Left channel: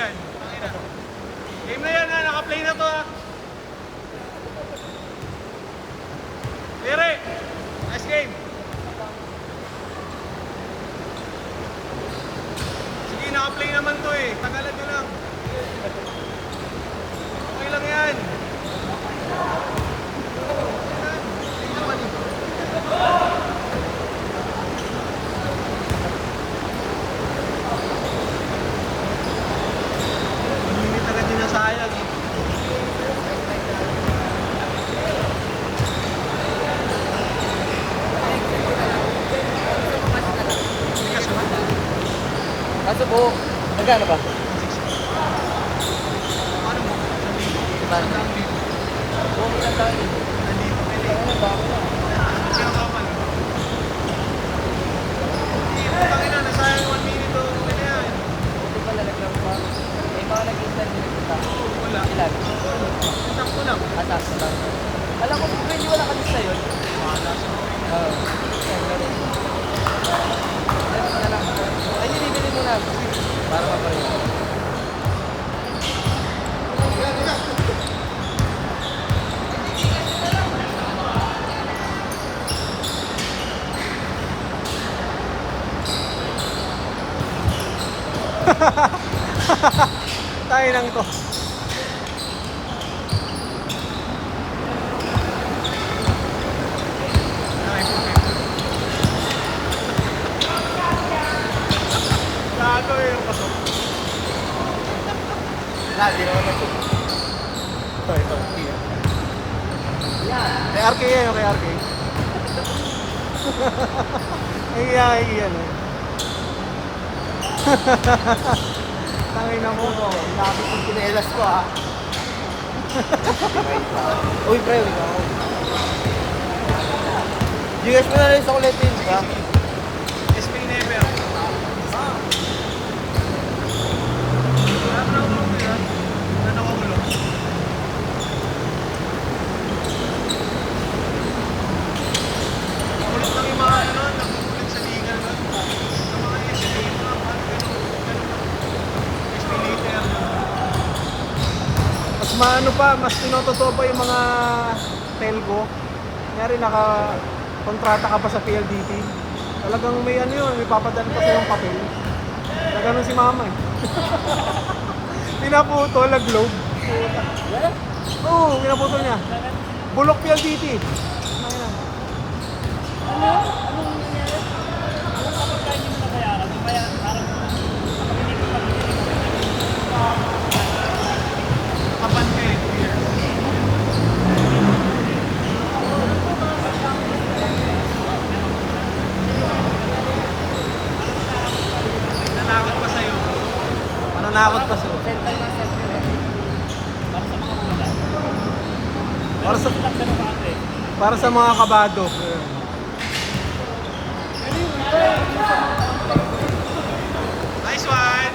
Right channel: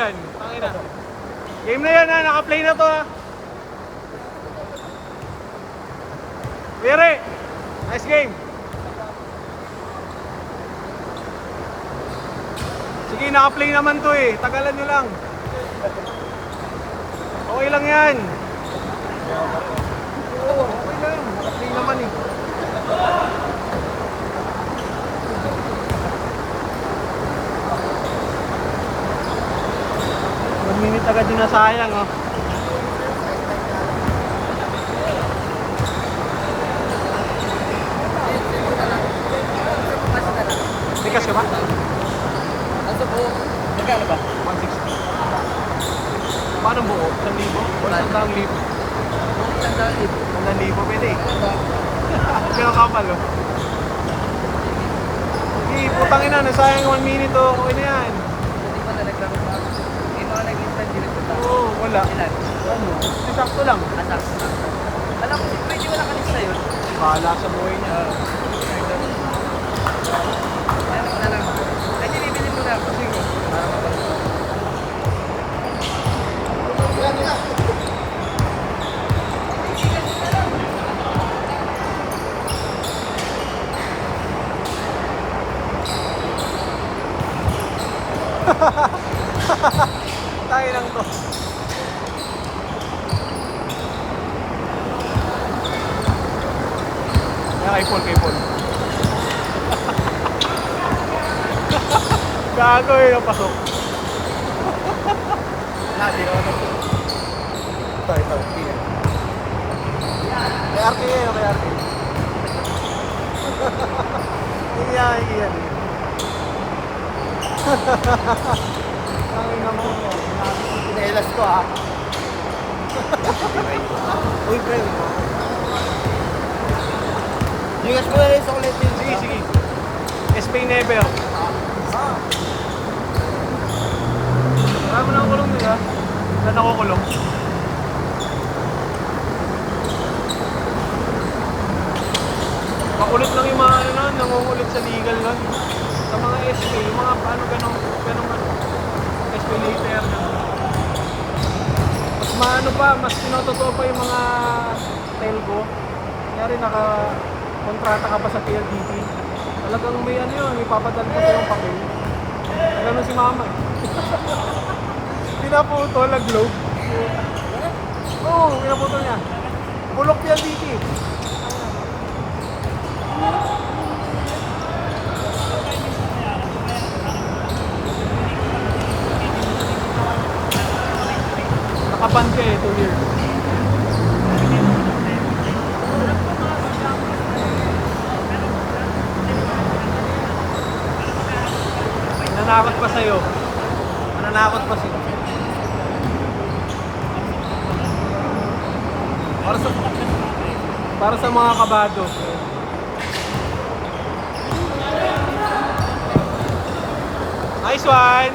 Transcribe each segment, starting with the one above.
yan. Game na yan ha, naka-play na to ha. Lere, nice game. Sige, naka-play naman to eh. Tagalan nyo lang. Okay lang yan. Hindi taga dinasayang ha. Nasa buhok. Nagkano ba? Paano mo? Ang dami. Hindi ang kapal oh. Hindi, putangin na, nasayang 1 minute o ako yan. Oo, wala. Sakto lang. Wala sa mga yun. Tayo lang ito. Ipon. Bago yung pasok. Di naman ito. Ito. Iya. Yan. May arki yan. Iya. Ano yung number ko? Pinelas ko ha. Uy, pre. US mo na rin sa ulit yun, ba? SB never. Wala mo na kulong nila. Wala na ako kulong. Makulit lang yung mga ano, nangungulit sa legal na. Sa mga SB, yung mga paano gano'n SB later. Mga ano pa, mas pinapasok pa yung mga telco. Kaya rin naka-kontrata ka pa sa PLDT. Talagang may ano yun, may papadala ka ng papel. Ganun si mama eh. Pinaputo, nag-globe. Oo, pinaputo niya. Bulok PLDT. Nakapante eh, 2 years. Mananakot pa sa'yo. Mananakot pa sa'yo. Para sa mga kabadot. Nice one!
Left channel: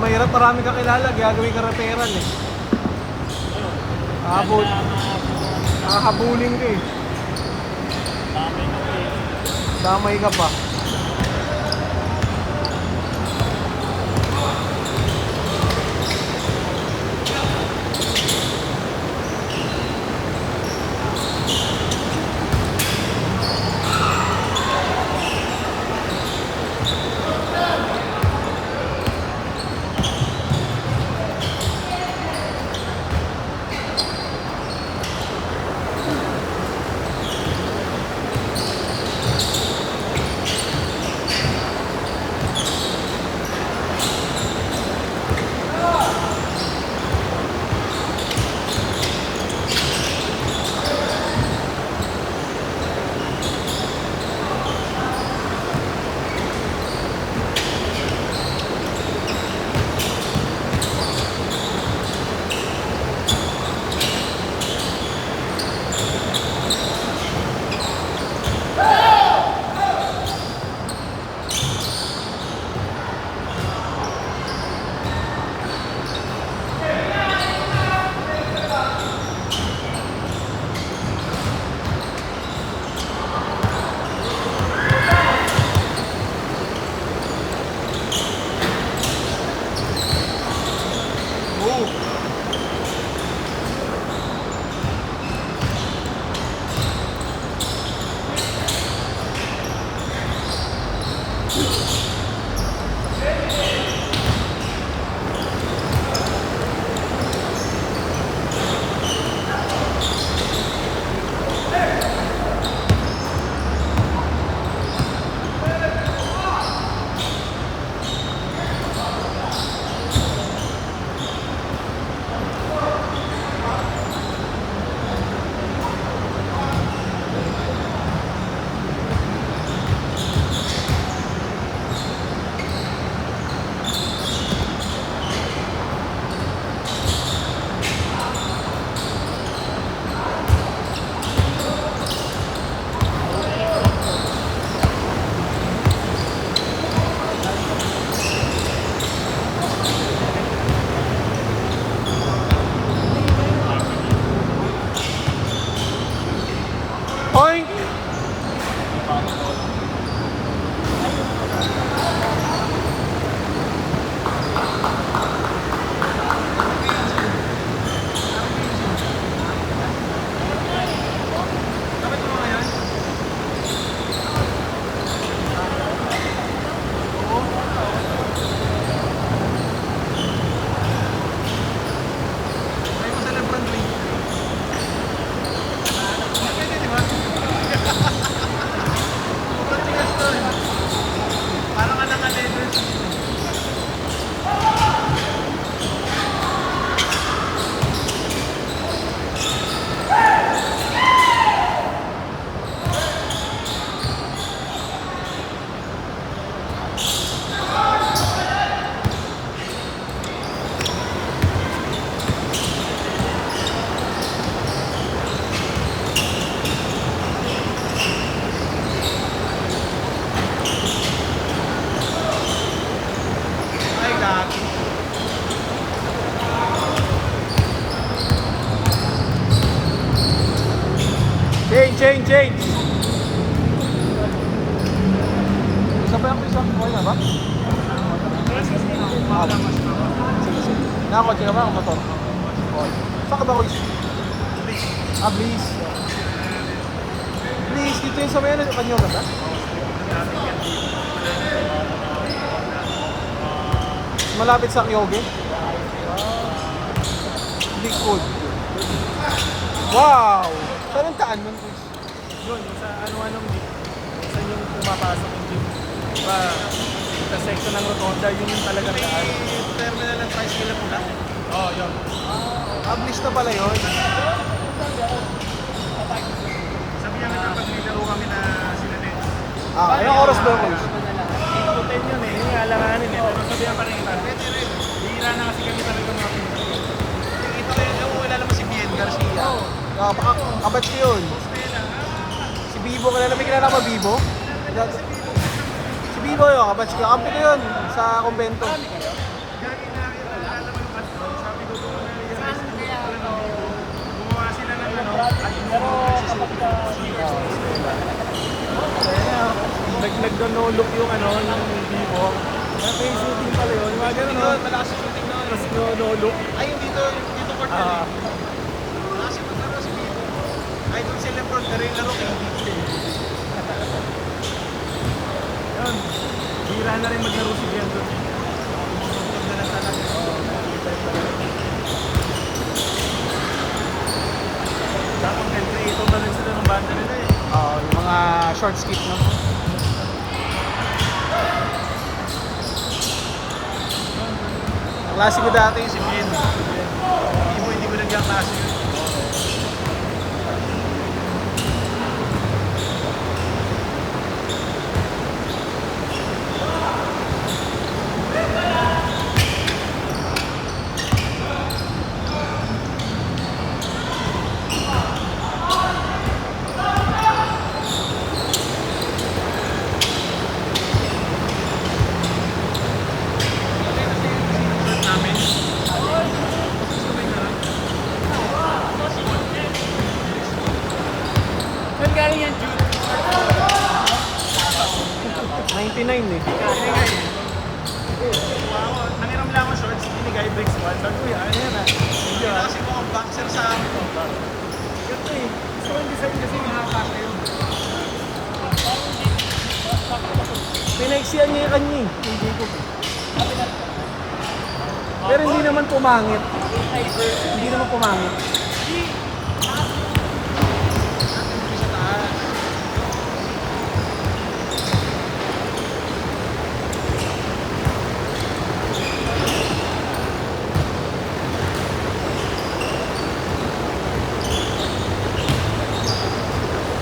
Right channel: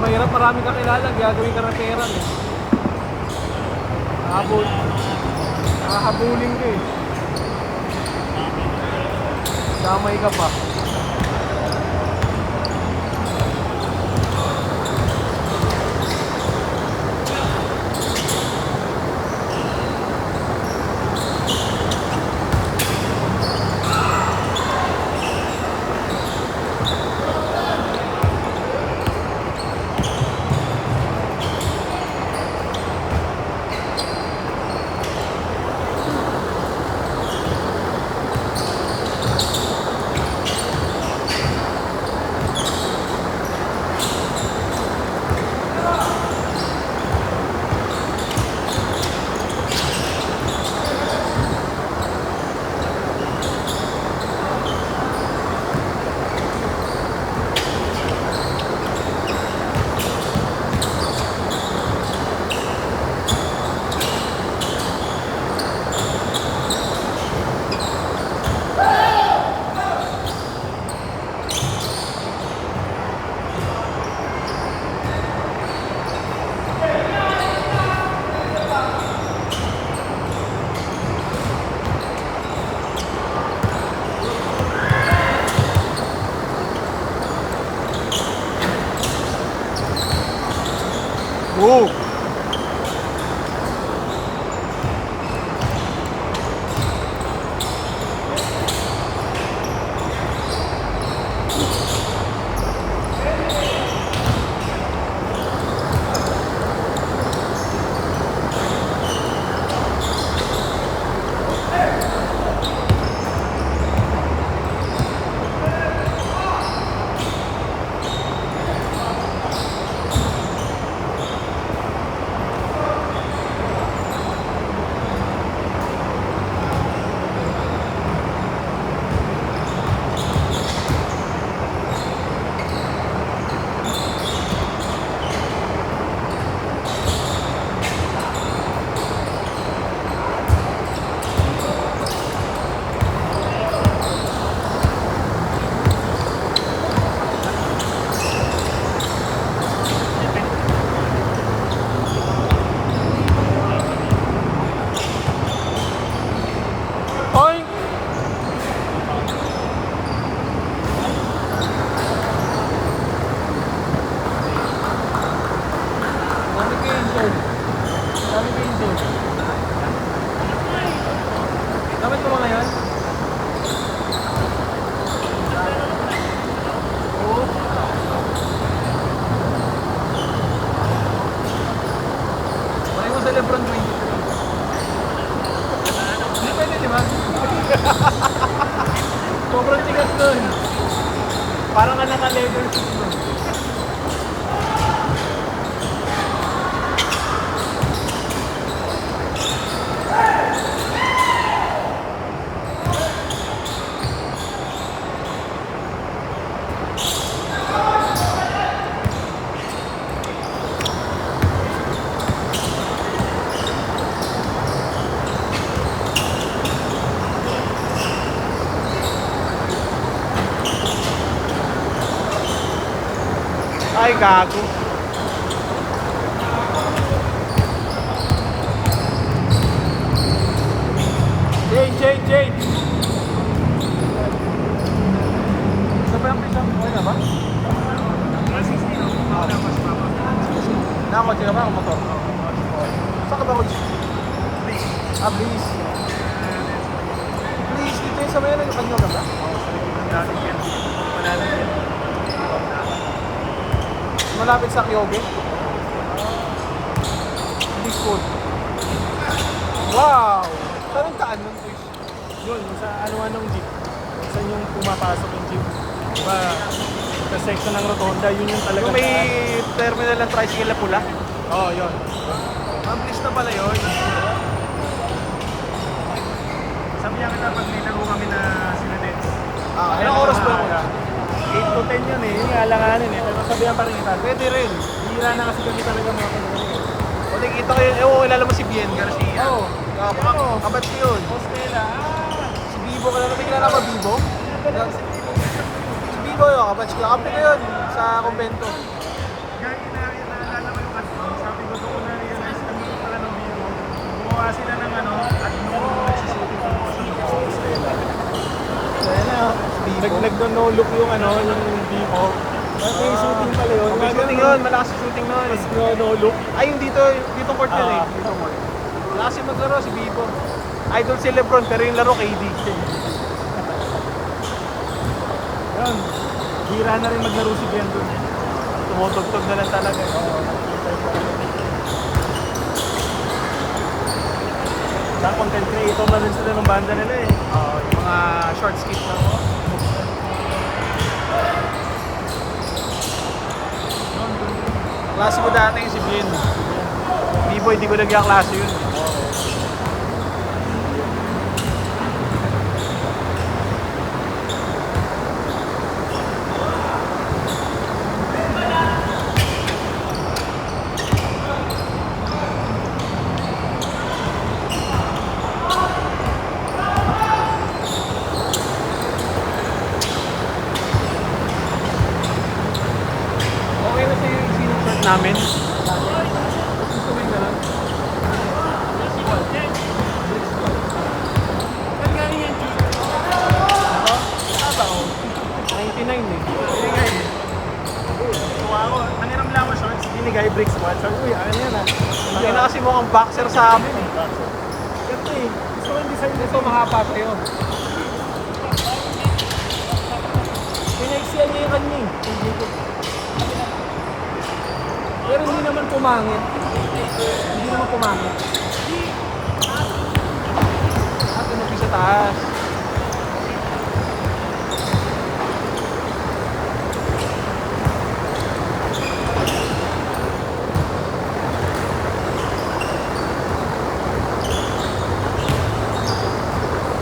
Mahirap, marami kang kilala, gagawin ka ng pera eh. Nakabuling ka eh. Damay ka pa. Gago. Change. Malapit sa Kyogi. Big food. Wow! Saan taan man, Chris? Yun, sa anong jeep. Kasi yung pumataas ng jeep. Kaya, sa section na yung kaya yun yung talaga. May terminal na price nila pula. Oo, yun. Ang bis na pala yun. Sabi niya kita pag may laro kami na sila din. Kaya Kaya ito na ala. 8 to 10 yun eh. Yung alanganin eh. Sabi ang pakita. Pwede rin. Hihira na kasi kami talaga may Nakikita ko yun. Ewan ko kilala mo si Bien Garcia. Baka kapatid yun. Si Bibo. Kaya napikilala mo Bibo? Si Bibo yun. Kapatid ko. Kampo yun. Sa Convento. Gagi na naalala mo yung at doon. Sabi ko doon ko na realize ang lupit pala ng Vivo. Gumawa sila ng ano at nung nagsusuting promotion ng office. nag-look yung ano yung Vivo. Ako yung shooting pala yun. Magaling yun. Malakas yung shooting mo. Is no-look. Ay, dito Port Louis. Malakas yung maglaro si Bibo. Idol si Lebron. Pero yung laro kay Bibo. Hira na rin nagiro si Brandon. Tumutugtog na lang talaga. Dapat ito ba lang sila ng banda nila eh. Mga short skit na ako. Klase mo dati si Bien. Hindi mo nagkaklase. Saan galing yan, Jude? 99 eh. Hindi nga eh. Tuwa ako. Nangiram lang ako shorts. Binigay bricks mo. Uy, ano yan ah? Hindi na kasi mukhang boxer sa amin. Ito eh. Gusto ko yung design Ito mahaba sa'yo. Pinaksiyan niya yung kanya eh. Pero hindi naman pumangit. Hindi naman pumangit. Sa taas.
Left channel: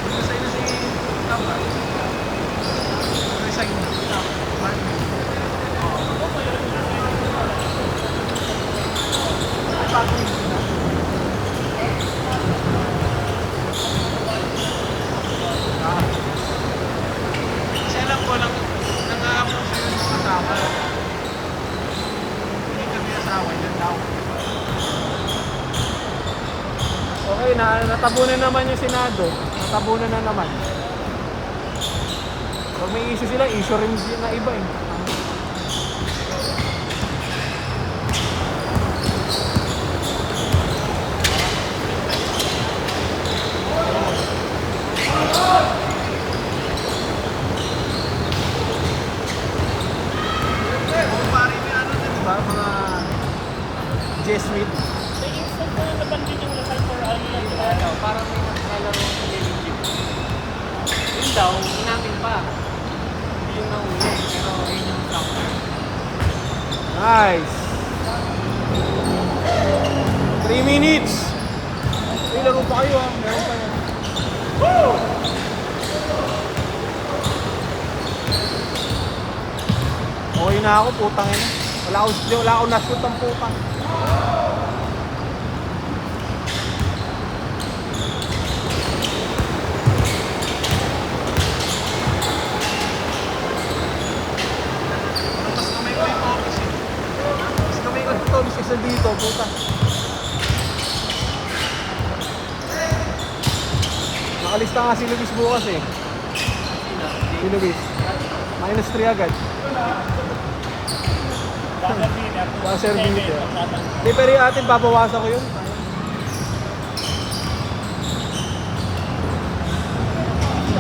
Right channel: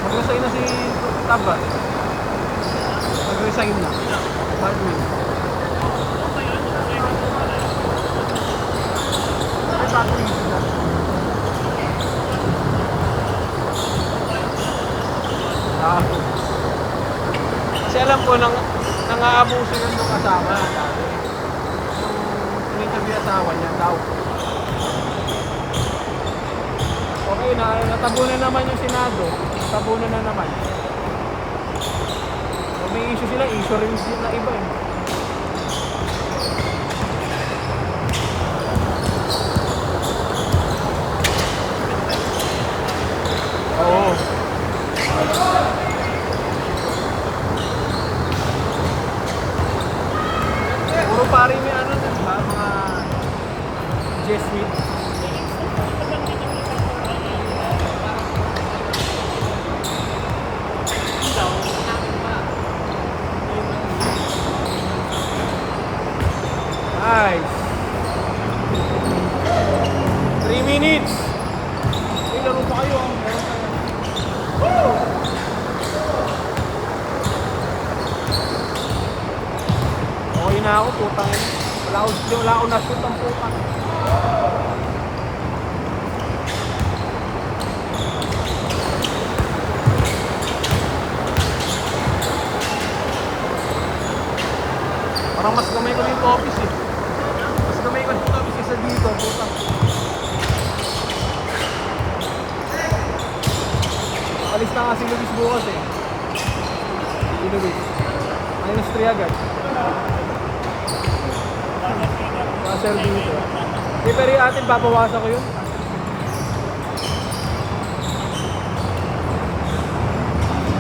Mag-resign na si Taba. Mag-resign na. Hardly. May bagong issue na. Kasi alam ko nang-aabuso yun yung asawa. Yung kami asawa, yan daw. Okay, natabunan naman yung Senado. Natabunan na naman. Kung may issue sila, issue rin na iba eh. Puro paring yung ano din, di ba? Mga Jesuit. Yun daw, natin pa. Yung Nice. 3 minutes. Ilan pa kayo ah? Okay na ako, putang ina. Wala akong nasot ang putang. Parang mas kamay ko yung office eh. Sir Jimmy. Di pero yung atin, babawasan ko yun.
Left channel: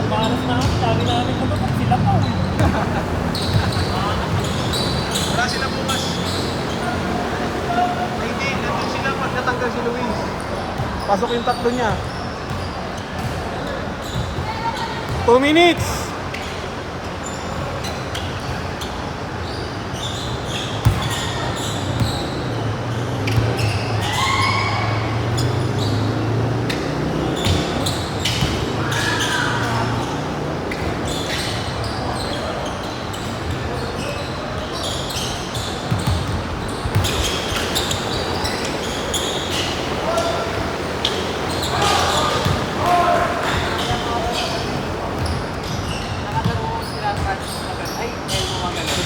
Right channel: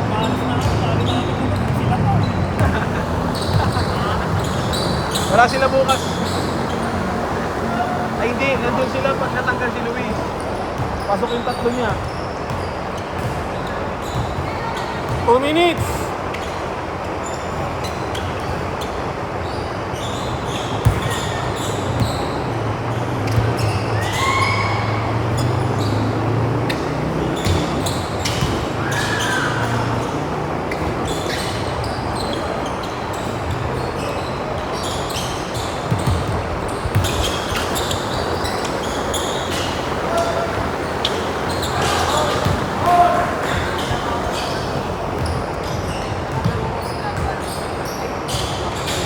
Malas na kami, dami namin naman sila po. Wala sila bukas. Hindi, nandun sila pag natanggal si Luis. Pasok yung tatlo niya. 2 minutes!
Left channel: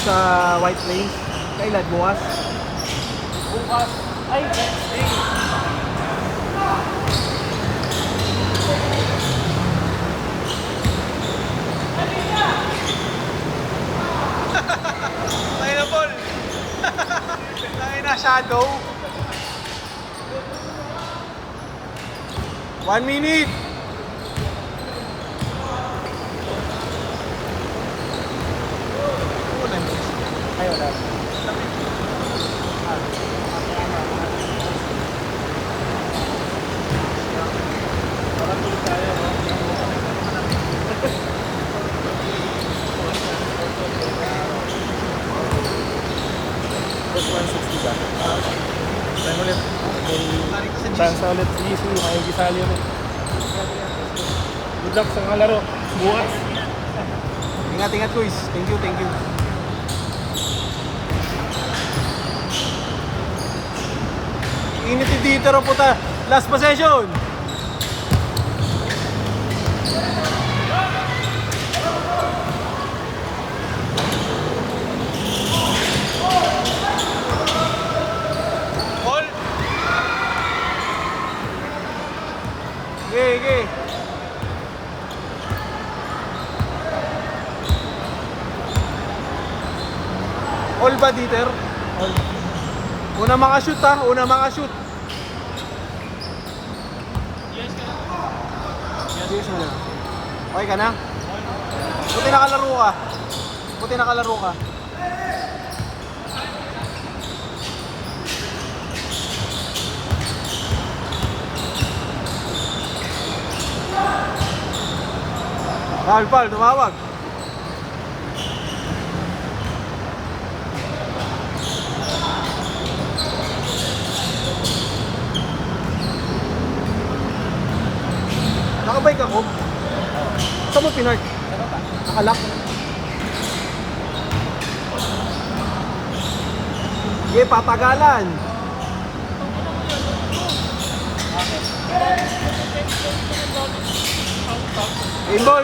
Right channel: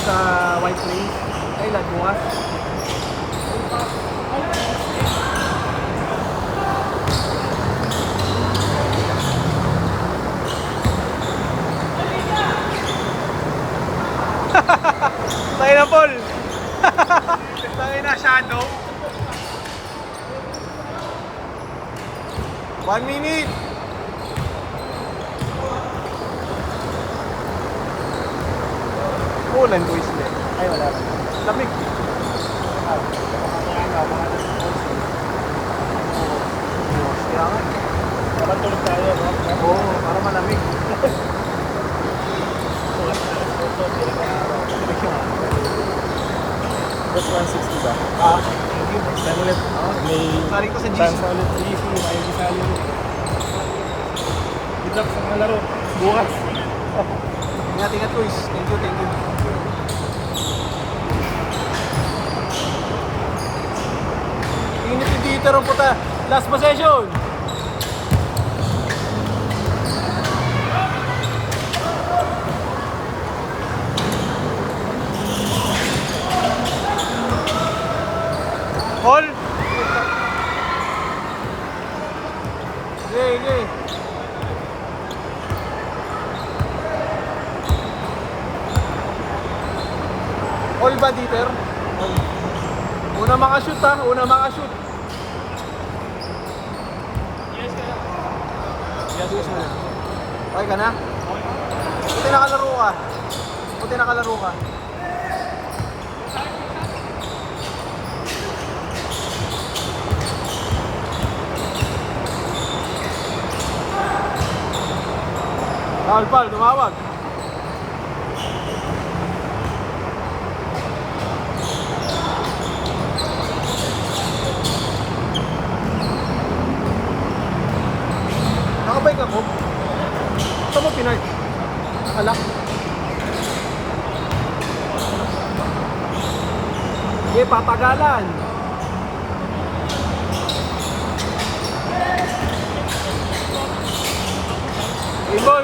Sa White Plains. Kailan bukas? Bukas. Ay, Wednesday. Tayo na, Paul! Tayo na, Shadow. 1 minute! Kunin. Ay, wala. Chance ulit. Sige, may gisali ulit. Good luck sa mga laro. Bukas. Ingat-ingat, Luis. Thank you, thank you. Init yung dito rin puta. Last possession. All. Okay, okay. All ba dito? Una makashoot ha, una makashoot. Ay ka na? Pati nakalaro ka. Pati nakalaro ka. Pal, tumawag. Nakabike ako. Saan mo pinark? Nakalak. Okay, patagalan. Inbol.